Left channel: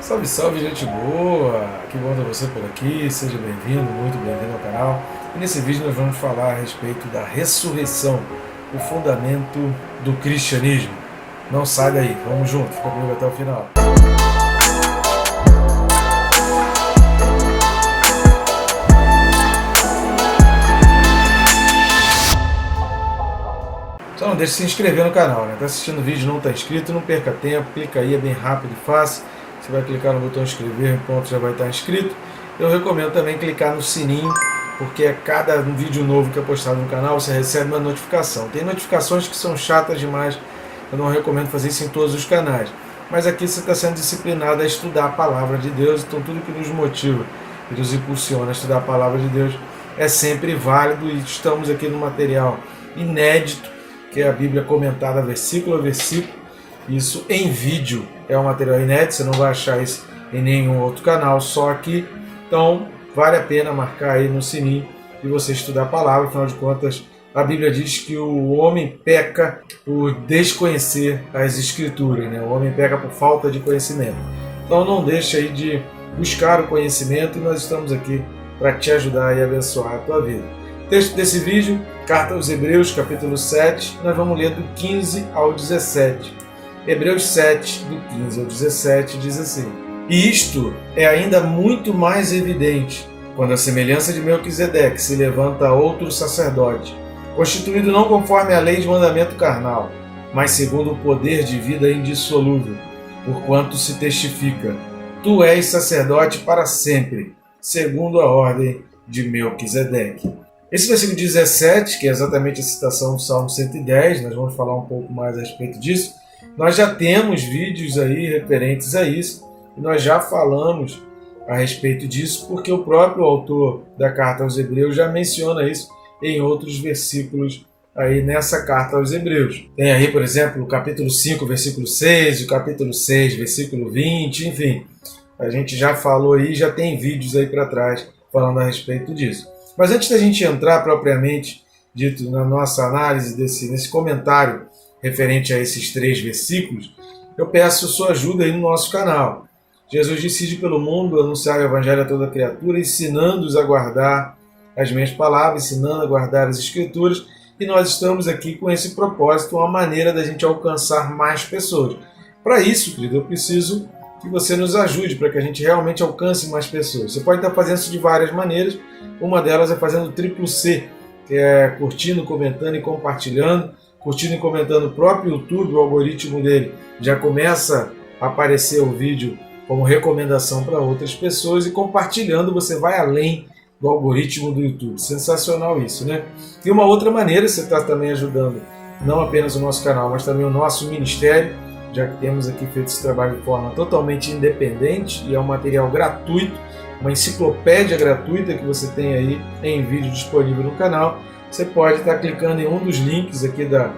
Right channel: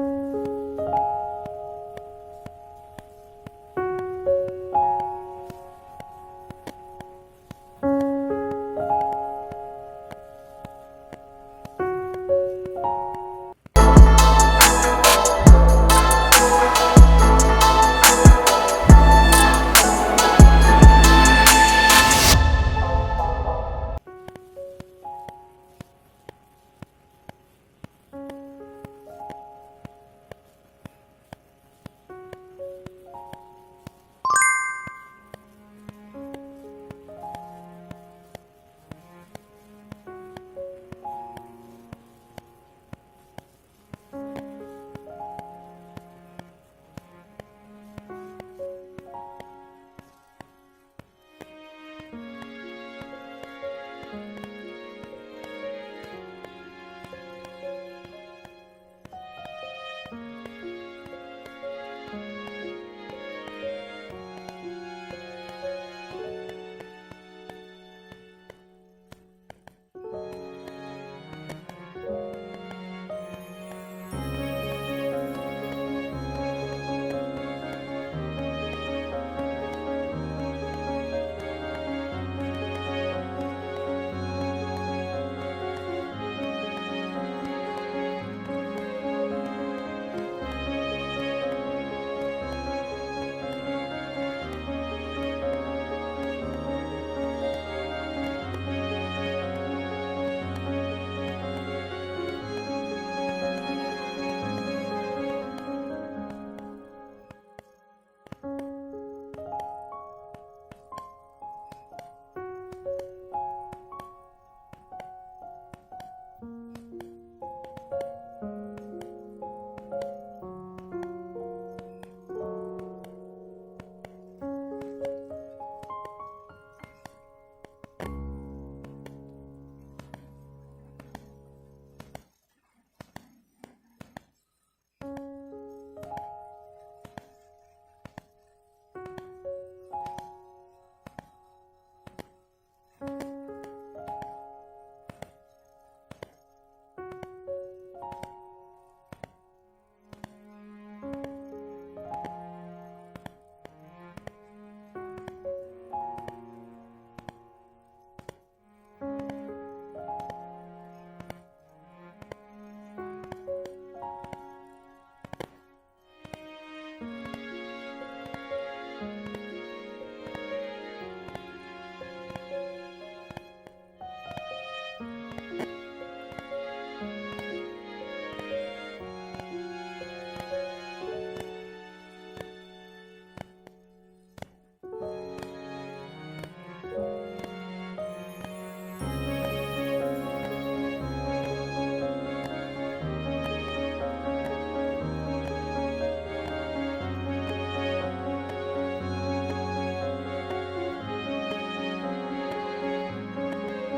Salve, salve, gente boa! Que bom ter você por aqui, seja bem-vindo, muito bem-vindo ao canal. E nesse vídeo nós vamos falar a respeito da ressurreição, o fundamento do cristianismo. Não sai daí, vamos junto, fica comigo até o final. Só não deixe de se inscrever no canal, né? Tá assistindo o vídeo e não está inscrito, não perca tempo, clica aí, é bem rápido e fácil. Você vai clicar no botão inscrever, pronto, já vai estar inscrito. Eu recomendo também clicar no sininho, porque a cada vídeo novo que é postado no canal, você recebe uma notificação. Tem notificações que são chatas demais, eu não recomendo fazer isso em todos os canais. Mas aqui você está sendo disciplinado a estudar a Palavra de Deus, então tudo que nos motiva e nos impulsiona a estudar a Palavra de Deus é sempre válido e estamos aqui no material inédito, que é a Bíblia comentada versículo a versículo. Isso em vídeo é um material inédito, você não vai achar isso em nenhum outro canal, só aqui. Então vale a pena marcar aí no sininho e você estudar a palavra. Afinal de contas, a Bíblia diz que o homem peca por desconhecer as Escrituras, né? O homem peca por falta de conhecimento. Então não deixe aí de buscar o conhecimento, e nós estamos aqui para te ajudar e abençoar a tua vida. O texto desse vídeo, Carta aos Hebreus, capítulo 7, nós vamos ler do 15 ao 17. Hebreus 7, do 15 ao 17, diz assim: E isto é ainda muito mais evidente, quando a semelhança de Melquisedeque se levanta outro sacerdote, constituído não conforme a lei de mandamento carnal, mas segundo o poder de vida indissolúvel, porquanto se testifica: Tu és sacerdote para sempre, segundo a ordem de Melquisedeque. Esse versículo 17, que é exatamente a citação do Salmo 110, nós vamos falar um pouco mais a respeito disso. Nós já temos vídeos aí referentes a isso, nós já falamos a respeito disso, porque o próprio autor da Carta aos Hebreus já menciona isso em outros versículos aí nessa Carta aos Hebreus. Tem aí, por exemplo, o capítulo 5, versículo 6, o capítulo 6, versículo 20, enfim. A gente já falou aí, já tem vídeos aí para trás falando a respeito disso. Mas antes da gente entrar propriamente dito na nossa análise nesse comentário referente a esses 3 versículos, eu peço sua ajuda aí no nosso canal. Jesus decide pelo mundo anunciar o Evangelho a toda criatura, ensinando-os a guardar as minhas palavras, ensinando a guardar as Escrituras, e nós estamos aqui com esse propósito, uma maneira da gente alcançar mais pessoas. Para isso, querido, eu preciso que você nos ajude para que a gente realmente alcance mais pessoas. Você pode estar fazendo isso de várias maneiras, uma delas é fazendo o triplo C, que é curtindo, comentando e compartilhando. Curtindo e comentando o próprio YouTube, o algoritmo dele já começa a aparecer o vídeo como recomendação para outras pessoas, e compartilhando você vai além do algoritmo do YouTube. Sensacional isso, né? E uma outra maneira, você está também ajudando não apenas o nosso canal, mas também o nosso ministério, já que temos aqui feito esse trabalho de forma totalmente independente e é um material gratuito, uma enciclopédia gratuita que você tem aí em vídeo disponível no canal. Você pode estar clicando em um dos links aqui da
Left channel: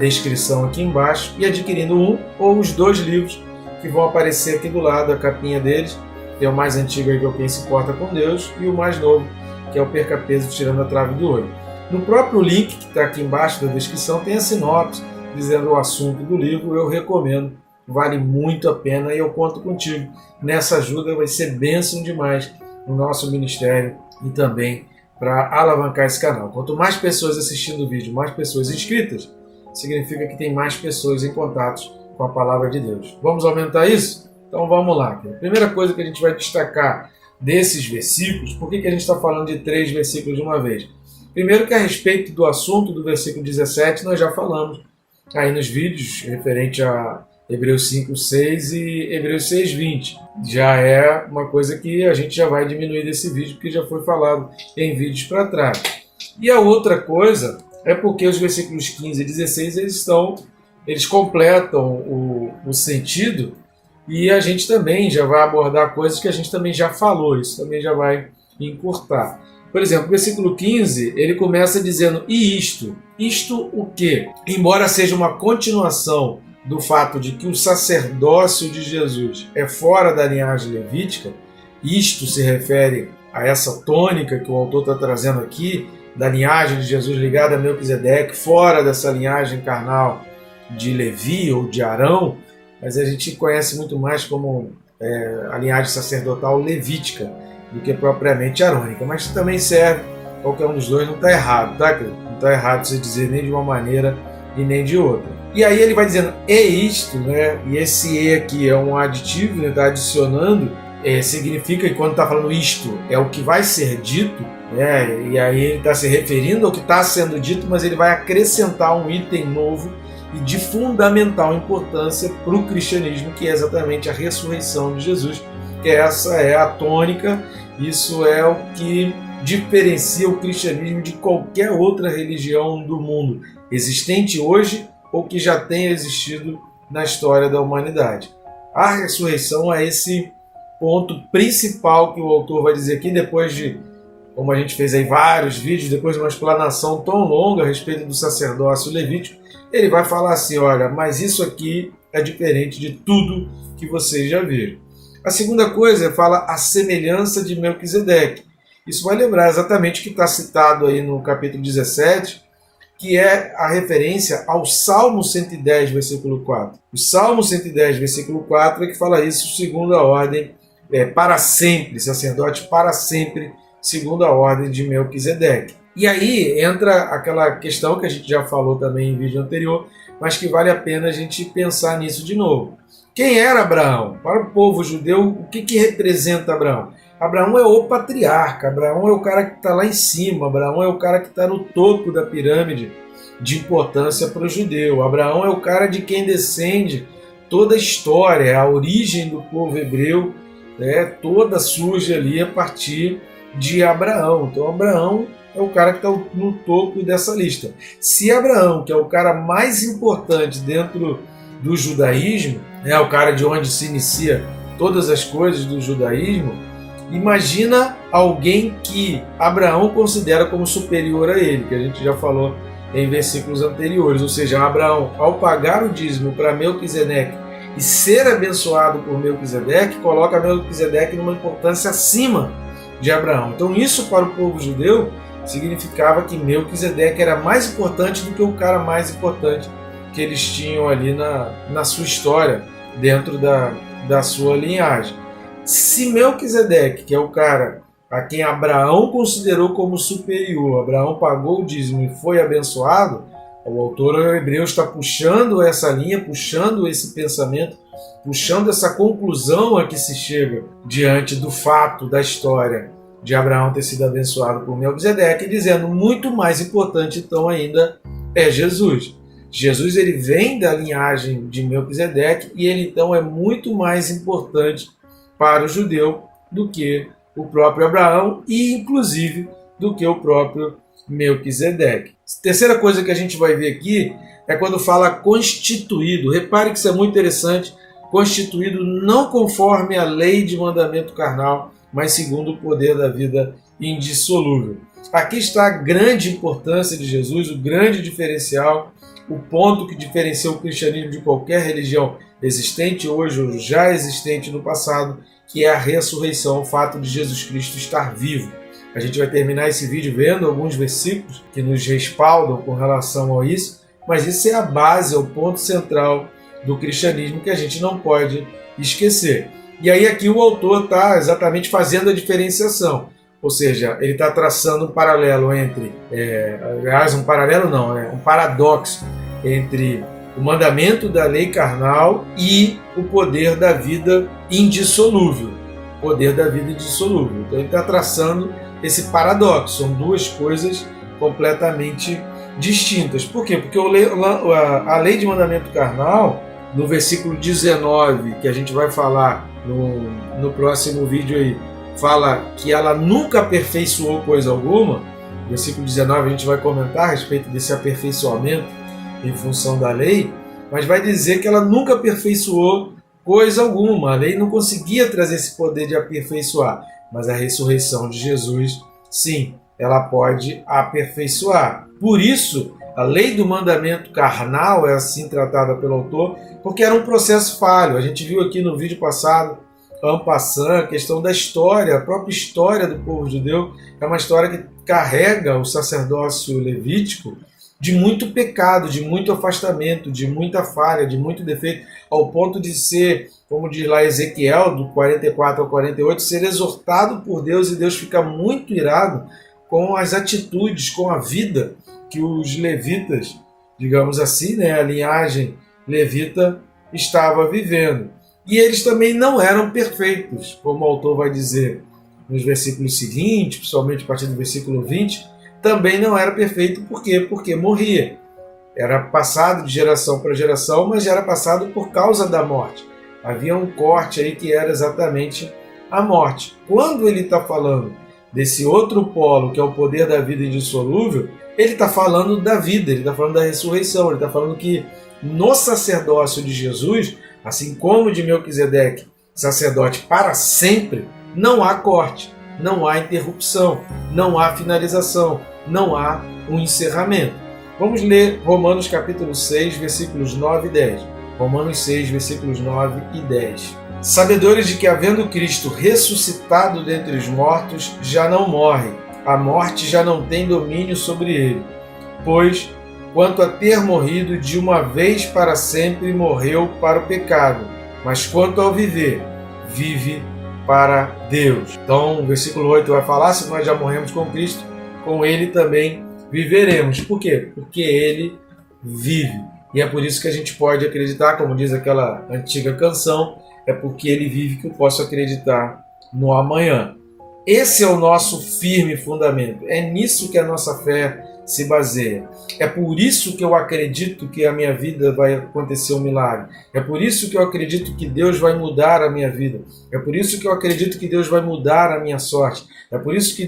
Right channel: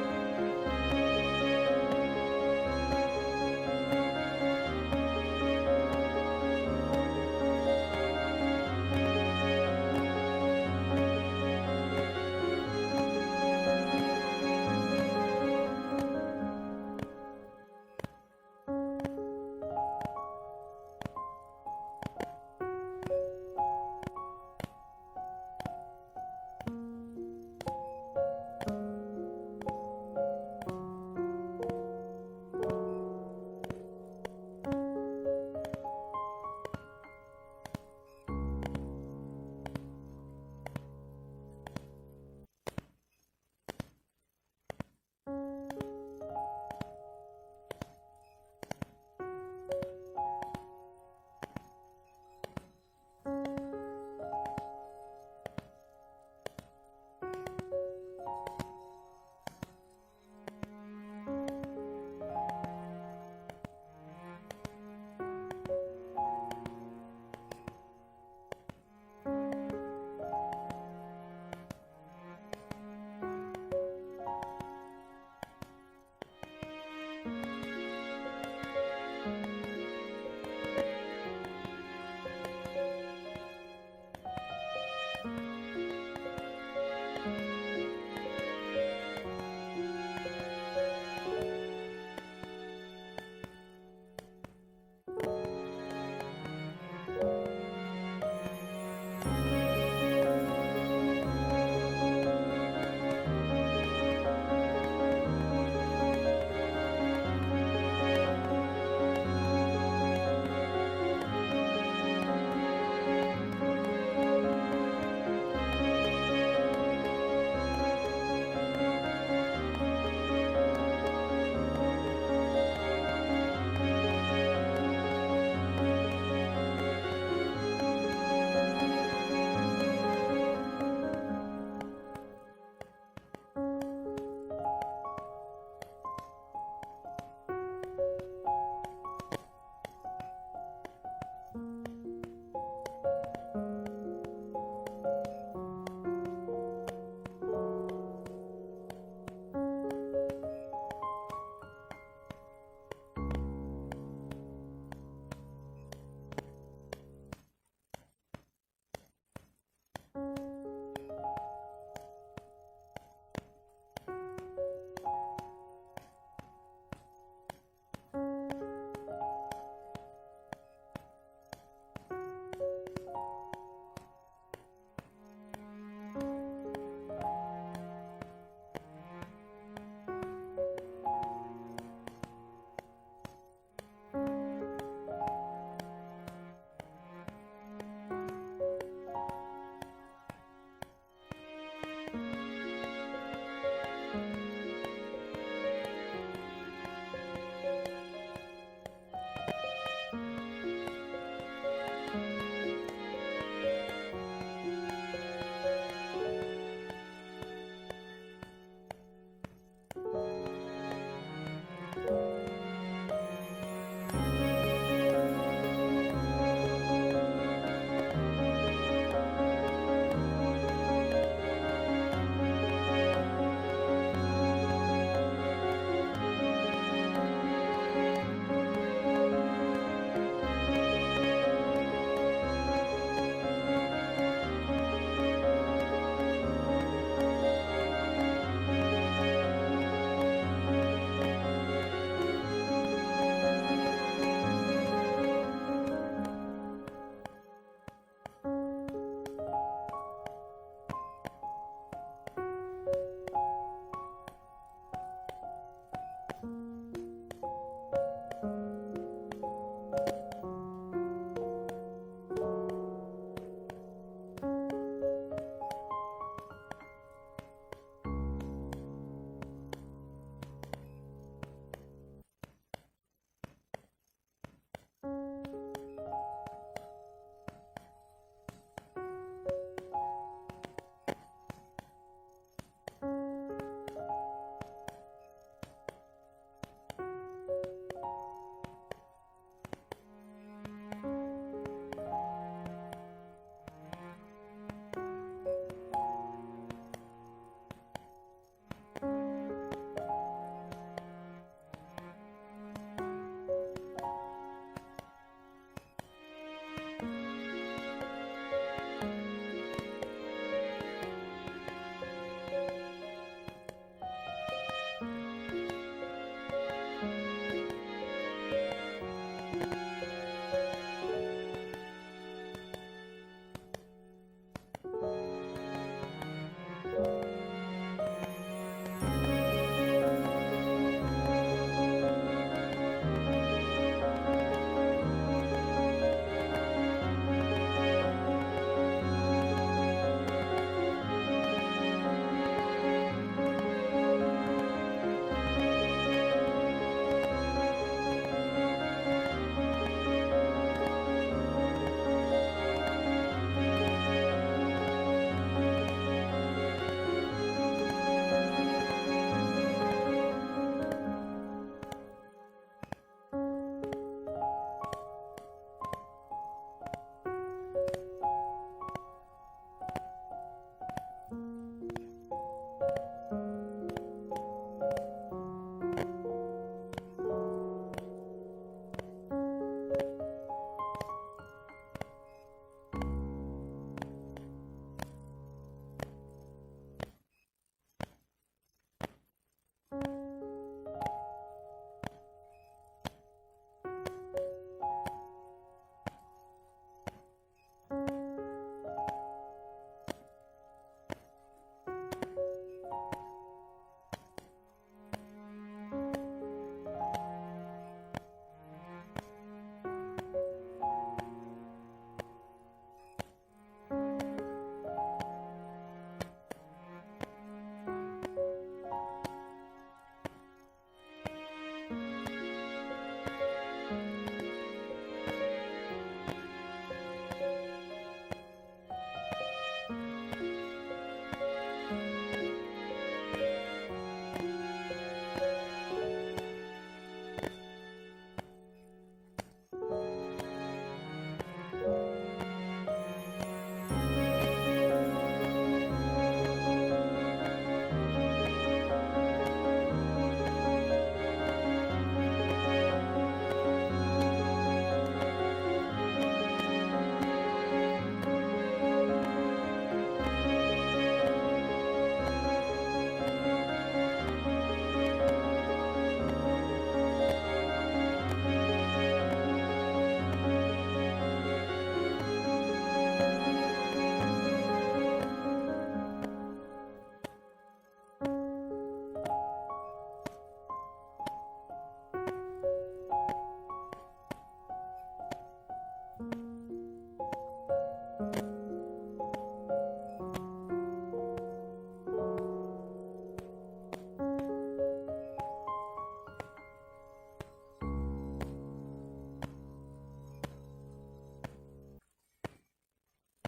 descrição aqui embaixo e adquirindo um ou os 2 livros que vão aparecer aqui do lado, a capinha deles. Tem o mais antigo aí, que é o Quem se Importa com Deus, e o mais novo, que é o Perca Peso Tirando a Trave do Olho. No próprio link que está aqui embaixo da descrição tem a sinopse dizendo o assunto do livro. Eu recomendo, vale muito a pena e eu conto contigo nessa ajuda, vai ser bênção demais no nosso ministério e também para alavancar esse canal. Quanto mais pessoas assistindo o vídeo, mais pessoas inscritas, significa que tem mais pessoas em contato com a Palavra de Deus. Vamos aumentar isso? Então vamos lá. A primeira coisa que a gente vai destacar desses versículos, por que a gente está falando de 3 versículos de uma vez? Primeiro que a respeito do assunto do versículo 17, nós já falamos aí nos vídeos referente a Hebreus 5:6 e Hebreus 6:20. Já é uma coisa que a gente já vai diminuir desse vídeo, porque já foi falado em vídeos para trás. E a outra coisa é porque os versículos 15 e 16 eles completam o sentido, e a gente também já vai abordar coisas que a gente também já falou, isso também já vai encurtar. Por exemplo, o versículo 15, ele começa dizendo: E isto? Isto o quê? Embora seja uma continuação do fato de que o sacerdócio de Jesus é fora da linhagem levítica, isto se refere a essa tônica que o autor está trazendo aqui, da linhagem de Jesus ligada a Melquisedeque, fora dessa linhagem carnal de Levi ou de Arão, mas a gente conhece muito mais como a linhagem sacerdotal levítica do que propriamente arônica. Mas também serve, qualquer um dos dois não está errado, tá, querido? Não está errado você dizer nem de uma maneira e nem de outra. E aí ele vai dizendo, é isto, né? E esse e aqui é um aditivo, ele está adicionando, significa que quando está falando isto, é o que vai ser dito, né? E aí ele está se referindo ao que está sendo dito, mas ele vai acrescentar um item novo e de fundamental importância para o cristianismo, que é exatamente a ressurreição de Jesus. Que essa é a tônica, isso é o que diferencia o cristianismo de qualquer outra religião do mundo, existente hoje ou que já tenha existido na história da humanidade. A ressurreição é esse ponto principal que o autor vai dizer aqui, depois de, como a gente fez aí vários vídeos, depois de uma explanação tão longa a respeito do sacerdócio levítico, ele vai falar assim, olha, mas isso aqui é diferente de tudo que vocês já viram. A segunda coisa fala a semelhança de Melquisedeque. Isso vai lembrar exatamente o que está citado aí no capítulo 17, que é a referência ao Salmo 110, versículo 4. O Salmo 110, versículo 4 é que fala isso segundo a ordem, para sempre, sacerdote para sempre, segundo a ordem de Melquisedeque. E aí entra aquela questão que a gente já falou também em vídeo anterior, mas que vale a pena a gente pensar nisso de novo. Quem era Abraão? Para o povo judeu, o que representa Abraão? Abraão é o patriarca, Abraão é o cara que está lá em cima, Abraão é o cara que está no topo da pirâmide de importância para o judeu. Abraão é o cara de quem descende toda a história, a origem do povo hebreu, toda surge ali a partir de Abraão. Então Abraão é o cara que está no topo dessa lista. Se Abraão, que é o cara mais importante dentro do judaísmo, é o cara de onde se inicia todas as coisas do judaísmo, imagina alguém que Abraão considera como superior a ele, que a gente já falou em versículos anteriores. Ou seja, Abraão, ao pagar o dízimo para Melquisedeque e ser abençoado por Melquisedeque, coloca Melquisedeque numa importância acima de Abraão. Então isso para o povo judeu significava que Melquisedeque era mais importante do que o cara mais importante que eles tinham ali na sua história, dentro da sua linhagem. Se Melquisedeque, que é o cara a quem Abraão considerou como superior, Abraão pagou o dízimo e foi abençoado, o autor hebreu está puxando essa linha, puxando esse pensamento, puxando essa conclusão a que se chega diante do fato da história de Abraão ter sido abençoado por Melquisedeque, dizendo muito mais importante então ainda é Jesus. Jesus ele vem da linhagem de Melquisedeque e ele então é muito mais importante para o judeu do que o próprio Abraão e inclusive do que o próprio Melquisedeque. Terceira coisa que a gente vai ver aqui é quando fala constituído. Repare que isso é muito interessante. Constituído não conforme a lei de mandamento carnal, mas segundo o poder da vida indissolúvel. Aqui está a grande importância de Jesus, o grande diferencial, o ponto que diferencia o cristianismo de qualquer religião existente hoje ou já existente no passado, que é a ressurreição, o fato de Jesus Cristo estar vivo. A gente vai terminar esse vídeo vendo alguns versículos que nos respaldam com relação a isso, mas isso é a base, é o ponto central do cristianismo que a gente não pode esquecer. E aí aqui o autor está exatamente fazendo a diferenciação, ou seja, ele está traçando um paralelo entre, um paralelo não, um paradoxo entre o mandamento da lei carnal e o poder da vida indissolúvel. Poder da vida indissolúvel. Então ele está traçando esse paradoxo, são duas coisas completamente distintas. Por quê? Porque a lei de mandamento carnal, no versículo 19, que a gente vai falar no próximo vídeo aí, fala que ela nunca aperfeiçoou coisa alguma. Versículo 19 a gente vai comentar a respeito desse aperfeiçoamento em função da lei, mas vai dizer que ela nunca aperfeiçoou coisa alguma. A lei não conseguia trazer esse poder de aperfeiçoar, mas a ressurreição de Jesus, sim, ela pode aperfeiçoar. Por isso, a lei do mandamento carnal é assim tratada pelo autor, porque era um processo falho. A gente viu aqui no vídeo passado, en passant, a questão da história, a própria história do povo judeu é uma história que carrega o sacerdócio levítico de muito pecado, de muito afastamento, de muita falha, de muito defeito, ao ponto de ser, como diz lá Ezequiel, do 44 ao 48, ser exortado por Deus, e Deus fica muito irado com as atitudes, com a vida que os levitas, digamos assim, né, a linhagem levita estava vivendo. E eles também não eram perfeitos, como o autor vai dizer nos versículos seguintes, principalmente a partir do versículo 20, também não era perfeito. Por quê? Porque morria. Era passado de geração para geração, mas era passado por causa da morte. Havia um corte aí que era exatamente a morte. Quando ele está falando desse outro polo, que é o poder da vida indissolúvel, ele está falando da vida, ele está falando da ressurreição, ele está falando que no sacerdócio de Jesus, assim como de Melquisedeque, sacerdote para sempre, não há corte, não há interrupção, não há finalização, não há um encerramento. Vamos ler Romanos capítulo 6, versículos 9 e 10. Romanos 6, versículos 9 e 10. Sabedores de que, havendo Cristo ressuscitado dentre os mortos, já não morre, a morte já não tem domínio sobre ele. Pois, quanto a ter morrido de uma vez para sempre, morreu para o pecado, mas quanto ao viver, vive para Deus. Então, o versículo 8 vai falar: se nós já morremos com Cristo, com ele também viveremos. Por quê? Porque ele vive. E é por isso que a gente pode acreditar, como diz aquela antiga canção, é porque ele vive que eu posso acreditar no amanhã. Esse é o nosso firme fundamento. É nisso que a nossa fé se baseia. É por isso que eu acredito que a minha vida vai acontecer um milagre. É por isso que eu acredito que Deus vai mudar a minha vida. É por isso que eu acredito que Deus vai mudar a minha sorte. É por isso que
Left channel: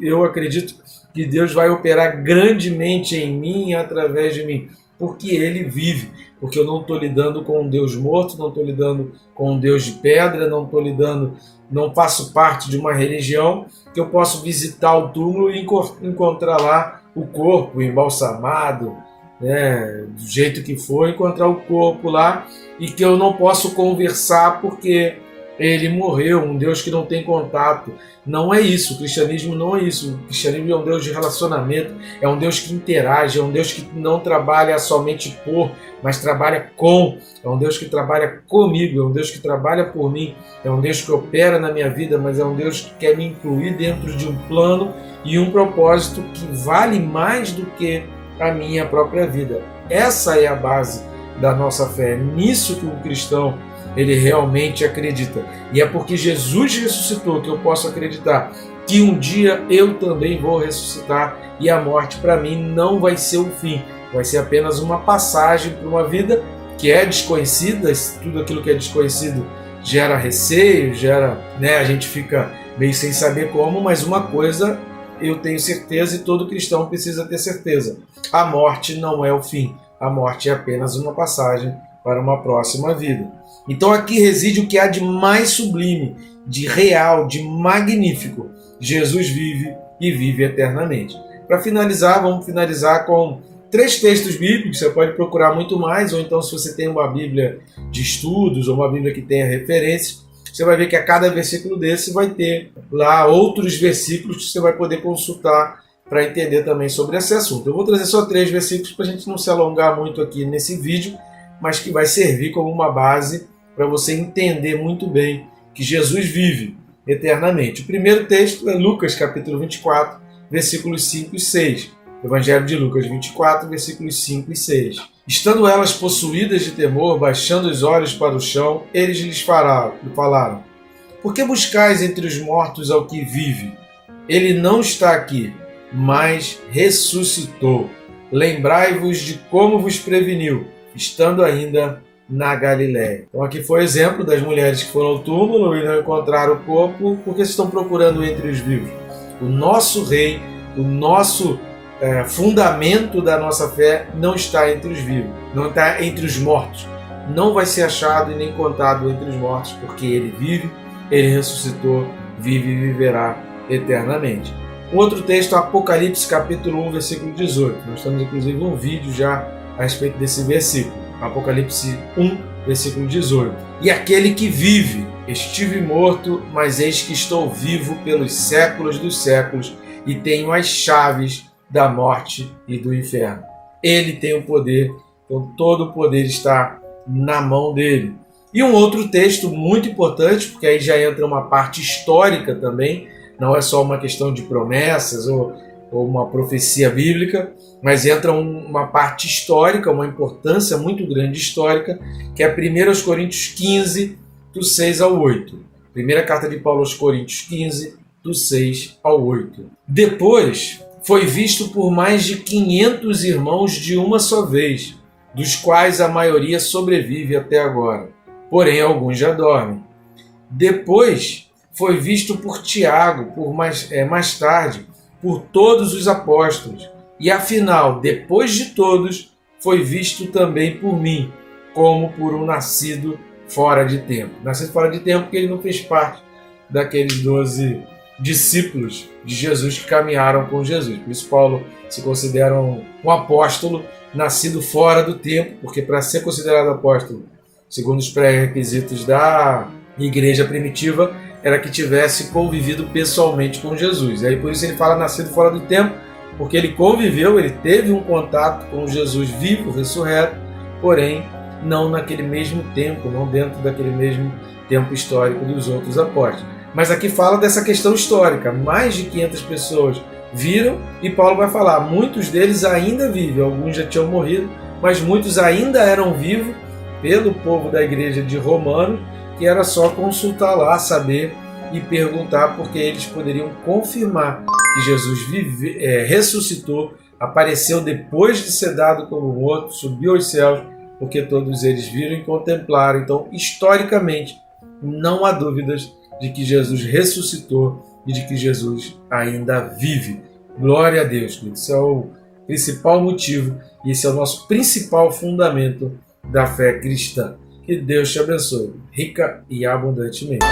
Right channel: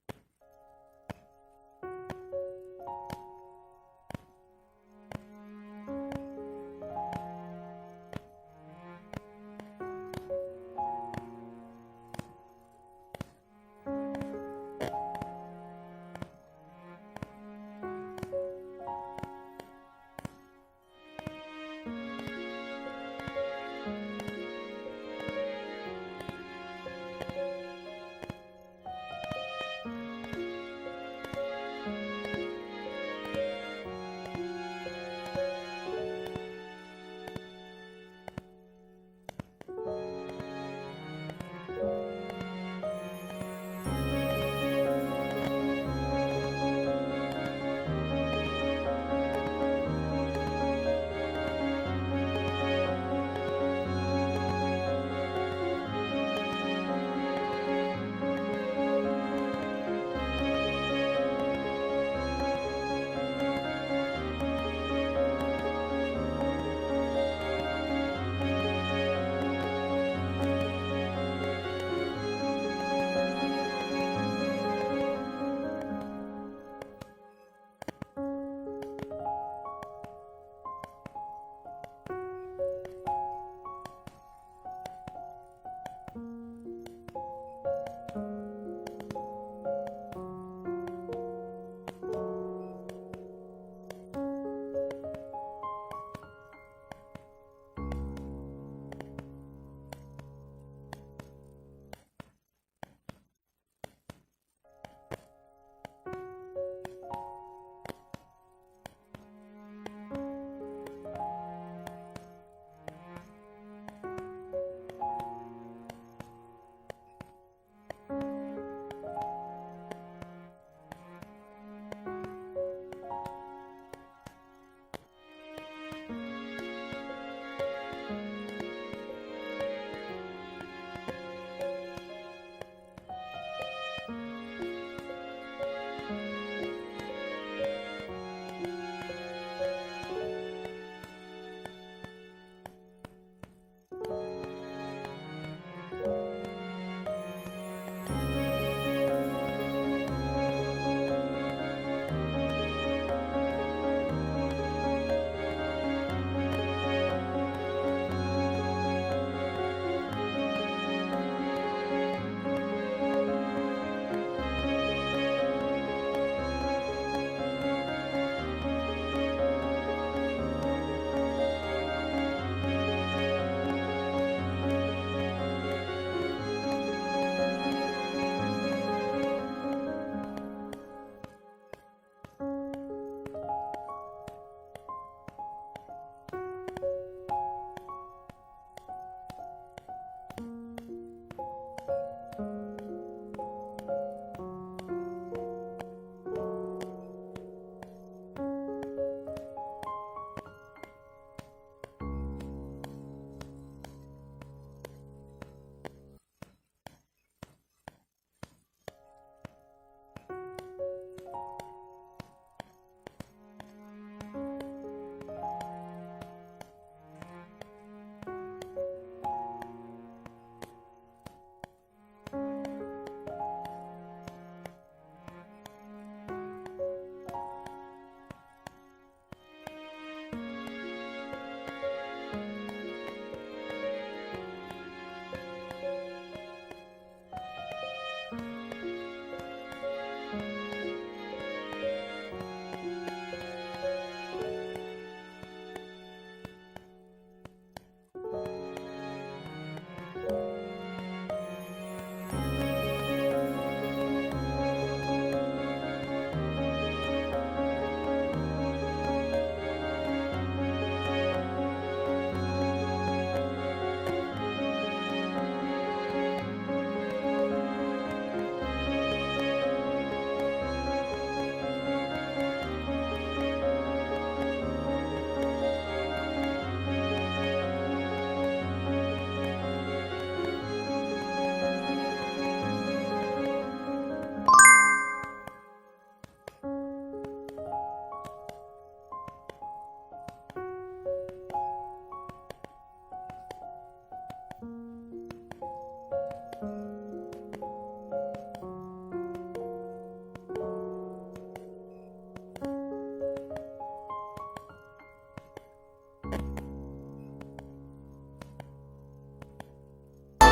eu acredito que Deus vai operar grandemente em mim e através de mim. Porque ele vive. Porque eu não estou lidando com um Deus morto, não estou lidando com um Deus de pedra, não faço parte de uma religião que eu posso visitar o túmulo e encontrar lá o corpo embalsamado, né, do jeito que for, encontrar o corpo lá, e que eu não posso conversar porque ele morreu, um Deus que não tem contato. Não é isso, o cristianismo não é isso. O cristianismo é um Deus de relacionamento, é um Deus que interage, é um Deus que não trabalha somente por, mas trabalha com, é um Deus que trabalha comigo, é um Deus que trabalha por mim, é um Deus que opera na minha vida, mas é um Deus que quer me incluir dentro de um plano e um propósito que vale mais do que a minha própria vida. Essa é a base da nossa fé, é nisso que o cristão ele realmente acredita. E é porque Jesus ressuscitou que eu posso acreditar que um dia eu também vou ressuscitar, e a morte para mim não vai ser o fim, vai ser apenas uma passagem para uma vida que é desconhecida. Tudo aquilo que é desconhecido gera receio, a gente fica meio sem saber como, mas uma coisa eu tenho certeza, e todo cristão precisa ter certeza: a morte não é o fim, a morte é apenas uma passagem para uma próxima vida. Então aqui reside o que há de mais sublime, de real, de magnífico. Jesus vive e vive eternamente. Para finalizar, vamos finalizar com 3 textos bíblicos. Você pode procurar muito mais, ou então, se você tem uma Bíblia de estudos ou uma Bíblia que tenha referências, você vai ver que a cada versículo desse vai ter lá outros versículos que você vai poder consultar para entender também sobre esse assunto. Eu vou trazer só 3 versículos para a gente não se alongar muito aqui nesse vídeo, mas que vai servir como uma base para você entender muito bem que Jesus vive eternamente. O primeiro texto é Lucas capítulo 24, versículos 5 e 6. Evangelho de Lucas 24, versículos 5 e 6. Estando elas possuídas de temor, baixando os olhos para o chão, eles lhes falaram: por que buscais entre os mortos ao que vive? Ele não está aqui, mas ressuscitou. Lembrai-vos de como vos preveniu, estando ainda na Galiléia. Então aqui foi o exemplo das mulheres que foram ao túmulo e não encontraram o corpo porque estão procurando entre os vivos. O nosso rei, o nosso fundamento da nossa fé não está entre os vivos, não está entre os mortos. Não vai ser achado e nem contado entre os mortos, porque ele vive, ele ressuscitou, vive e viverá eternamente. Outro texto, Apocalipse capítulo 1, versículo 18. Nós temos inclusive um vídeo já a respeito desse versículo. Apocalipse 1, versículo 18. E aquele que vive, estive morto, mas eis que estou vivo pelos séculos dos séculos, e tenho as chaves da morte e do inferno. Ele tem o poder, então todo o poder está na mão dele. E um outro texto muito importante, porque aí já entra uma parte histórica também, não é só uma questão de promessas ou uma profecia bíblica, mas entra uma parte histórica, uma importância muito grande histórica, que é 1 Coríntios 15, do 6 ao 8. Primeira carta de Paulo aos Coríntios 15, do 6 ao 8. Depois foi visto por mais de 500 irmãos de uma só vez, dos quais a maioria sobrevive até agora, porém alguns já dormem. Depois foi visto por Tiago, mais tarde, por todos os apóstolos, e afinal, depois de todos, foi visto também por mim, como por um nascido fora de tempo. Nascido fora de tempo porque ele não fez parte daqueles 12 discípulos de Jesus que caminharam com Jesus. Por isso Paulo se considera um apóstolo nascido fora do tempo, porque para ser considerado apóstolo, segundo os pré-requisitos da igreja primitiva, era que tivesse convivido pessoalmente com Jesus. E aí por isso ele fala nascido fora do tempo, porque ele conviveu, ele teve um contato com Jesus vivo, ressurreto, porém não naquele mesmo tempo, não dentro daquele mesmo tempo histórico dos outros apóstolos. Mas aqui fala dessa questão histórica, mais de 500 pessoas viram, e Paulo vai falar, muitos deles ainda vivem, alguns já tinham morrido, mas muitos ainda eram vivos pelo povo da igreja de Romano, que era só consultar lá, saber e perguntar, porque eles poderiam confirmar que Jesus ressuscitou, apareceu depois de ser dado como morto, subiu aos céus, porque todos eles viram e contemplaram. Então, historicamente, não há dúvidas de que Jesus ressuscitou e de que Jesus ainda vive. Glória a Deus, querido. Esse é o principal motivo e esse é o nosso principal fundamento da fé cristã. Que Deus te abençoe, rica e abundantemente.